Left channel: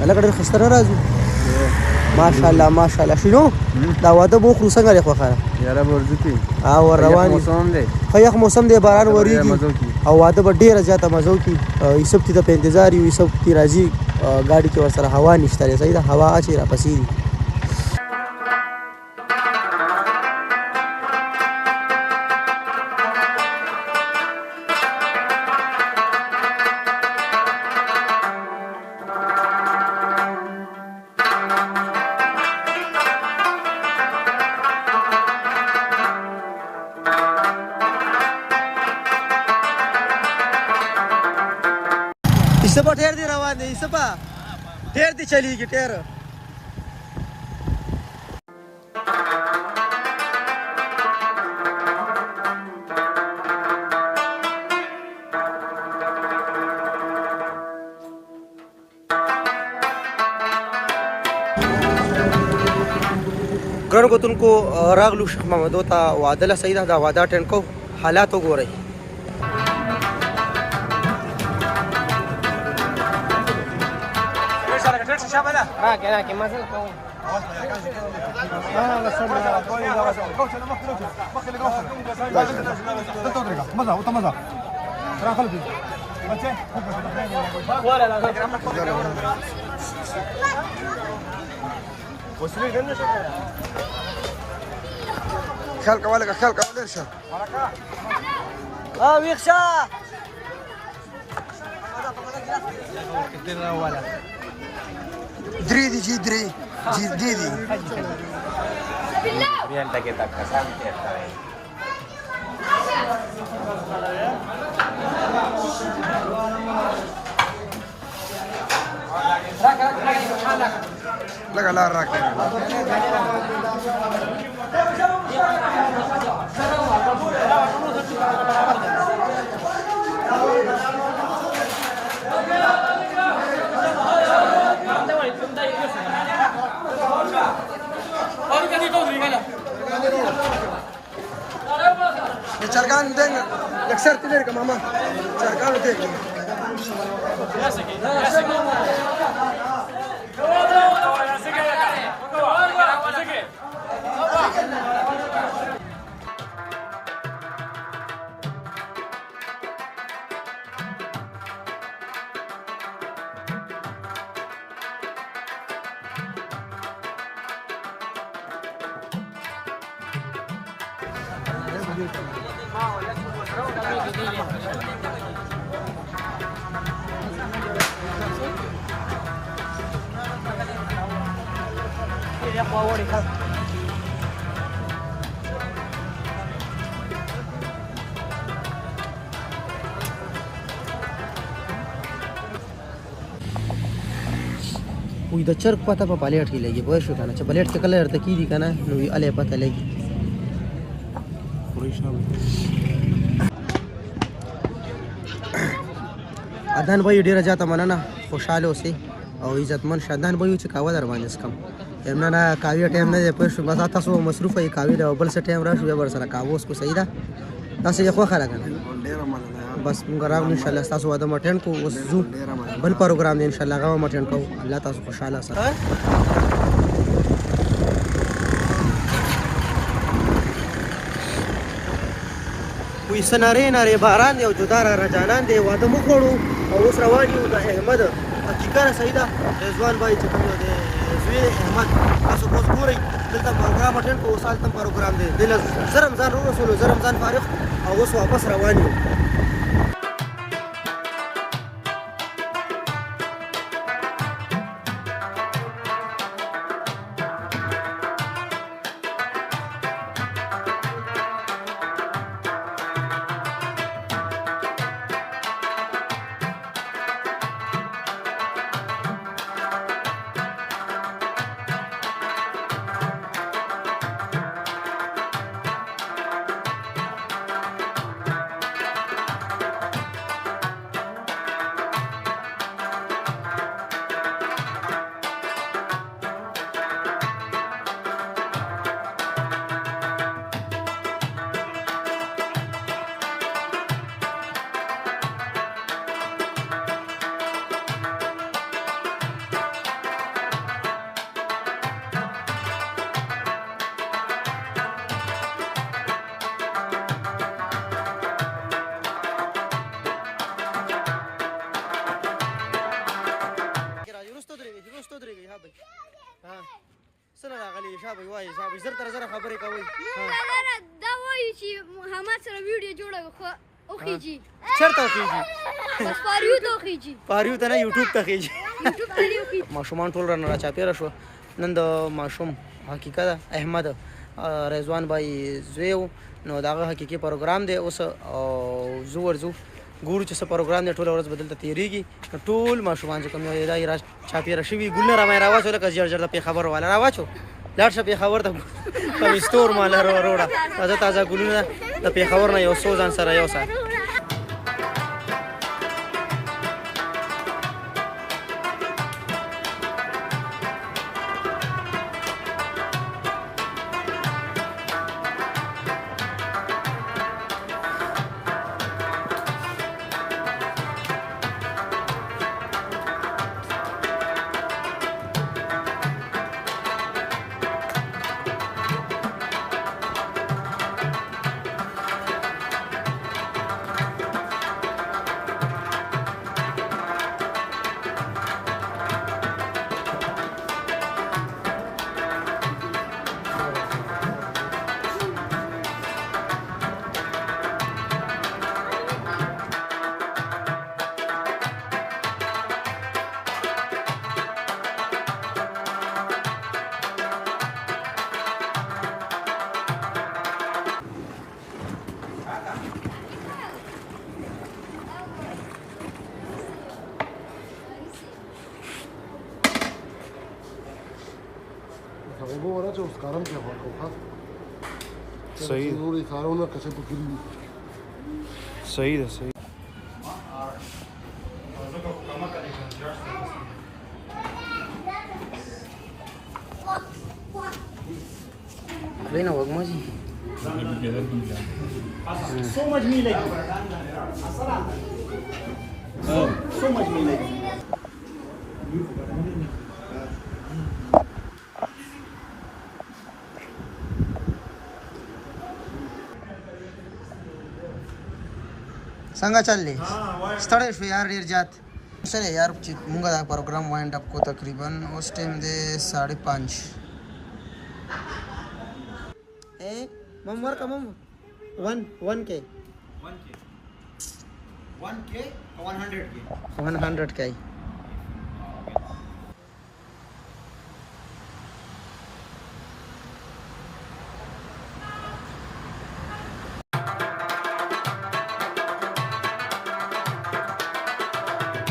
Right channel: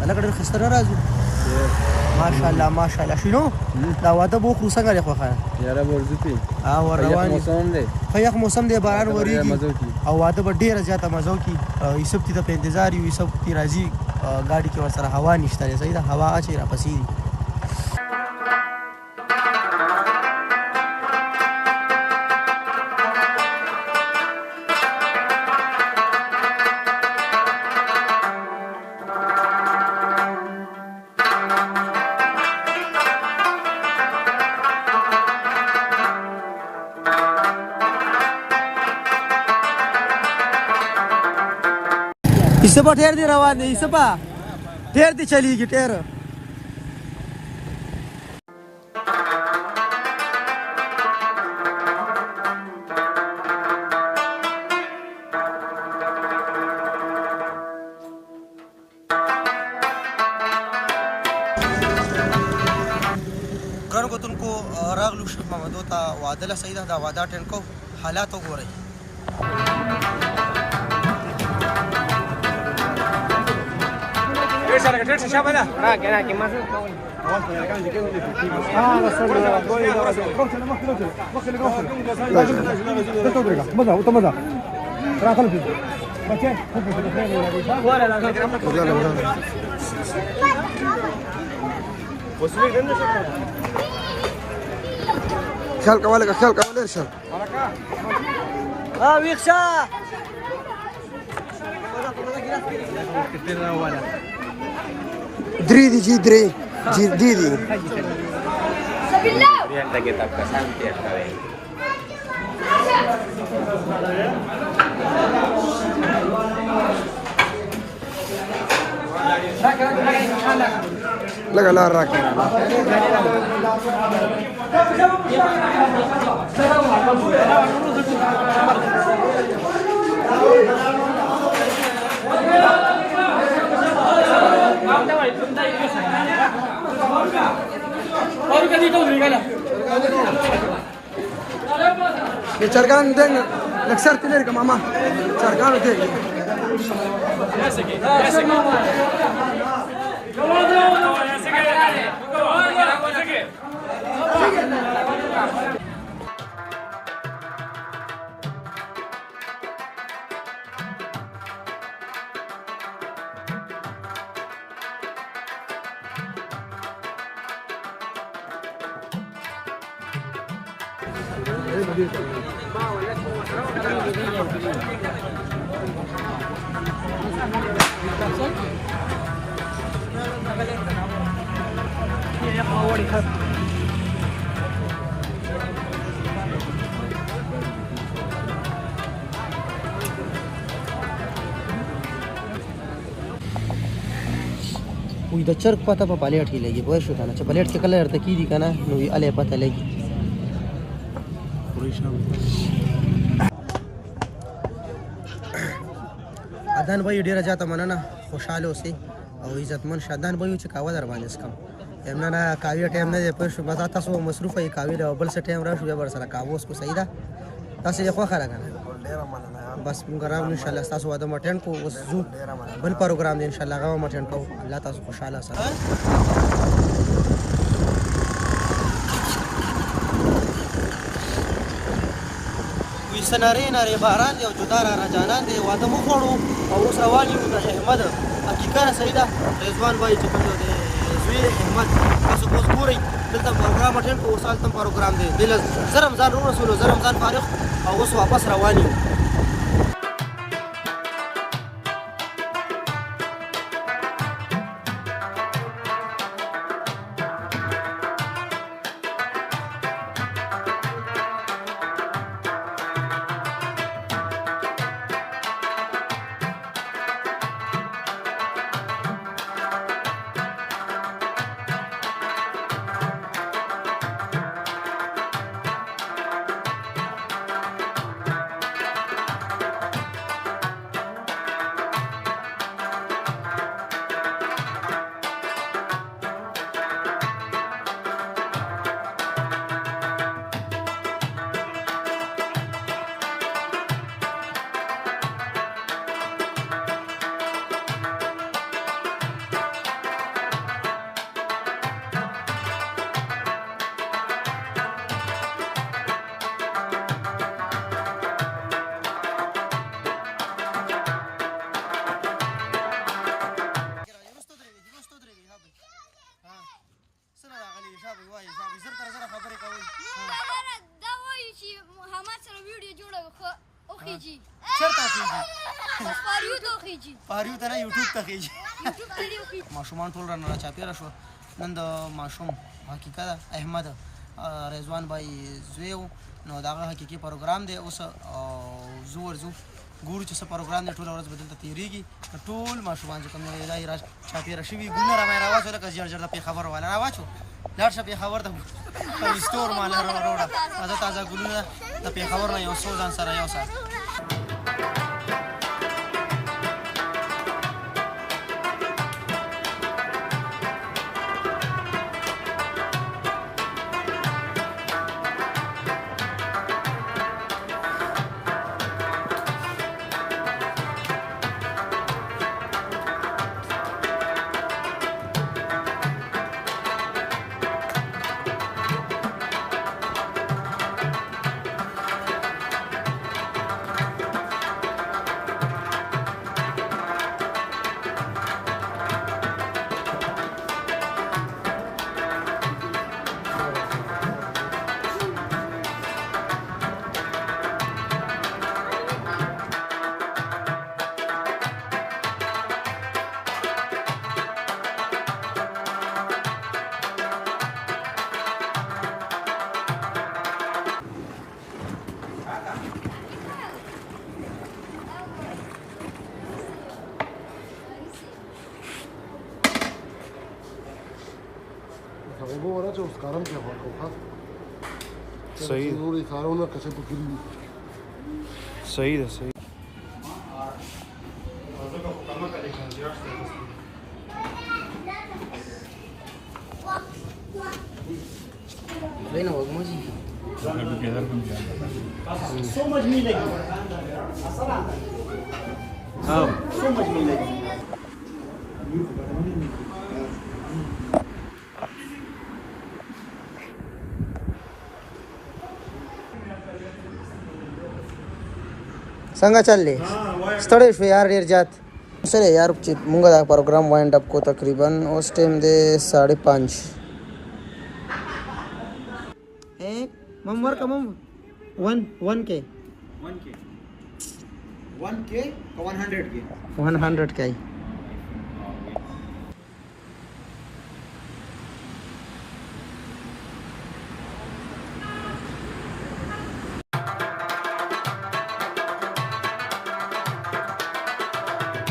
هلکه ډېر ښایسته نه راځو ماشاءالله ماشاءالله شنو دا واده به وکړو څنګه دی خوښه یاره به ورځو کې او ور روان یو ښه یخ موسم دی باران وریږي او واده به ډېره زیاته مزه وکړي یوسف ته په انتظار یو یوسف تی راځي ګاډي کې ورسره هوا نشته دی صحیح ده هوا چې راپسې دي یوسفه ټیر دی روان دی یوسفه ټیر دی چلیږي ټیر ګرانو کتونکو راغلو شیخ محمدو ته واده له صحیح ده دا واده اټینډ کوو حالات وګورئ خیال کوه لکه خیال کوه شه ویښ شه درې دي جی درې جی دی دي لکه لار راکړه ये चरगान देंगे अक्सर किले का मामा चरगान देंगे وي د چرګ پته په پلیټ کې لګي پوه شو کنه چې پلیټ کې کله ارته کیږي کنه نو الې پته لګي اذان به ډیره زیاته مننه خوشاله اوسئ او عزتمن شادان به چې کاوه در باندې سکم یمنا نه کاوی ټایم نه پوه شو بس تاسو مصروف ای کاوی له بل څه ټایم راشو یا ور سره کاوه اوس کو صحیح ده تاسو یې خو خره کنه ډیره مننه بس موږ راغلو ان شاء الله تاسو واده مټین کو اوس زو بل پروګرام دی ان شاء الله غو مټین کو الله تاسو خوشاله سره وي سناره ناره باران دی او جدار را جانان دی واده مو خوړو او اوس روان یو د احمد حقیقت صحیح ده رضوان بھائی چې کوم دی زوی احمد تاسو اوس ګورئ دلته پروګرام مټین کو اوس تم پروګرام دی دل زرم ځان رسول زرم ځان فارغ او اوس واپس روان یو ها سره راغلی شابه وای شابه زر تر زر خبرې کوي دا وایي چې محمد سره ویډیو جوړوي خو اوخیږي چرته اوخیږي پاریو ته اوخیږي پاریو ته نه یوټیوب ته خیږي یوټیوب ته اوخیږي ماشومان ټول رانه راچاپېره شو نن د ماشوم حقیقت احمد رضوان بای زویو نو داغه حقیقي پروګرام دی اوس او زو ورزو ګورو چې څه پروګرام دی ټول ورځ بدلته تیریږي ټول ماشومان چې کوم یو دا را چاپېره شوي ګلنه را مې راواچو لکه ژر ژر د پېښور والا راواچو لاړ شه پېښور ته کوم سټور مال روړه تازه تازه ګلونه د پېښور نه یو څو ځان سره یو سره صحیح صحیح ده صحیح لینا وګما جی So much meat like so much meat like څنګه چللی ستړی شو یار ډېر زیات سره یار چې مونږ دا پروګرام وایند اپ کو تقریبا اوس ټایم دی 5:30 مم ورکه مم 1K 1K 100K 100K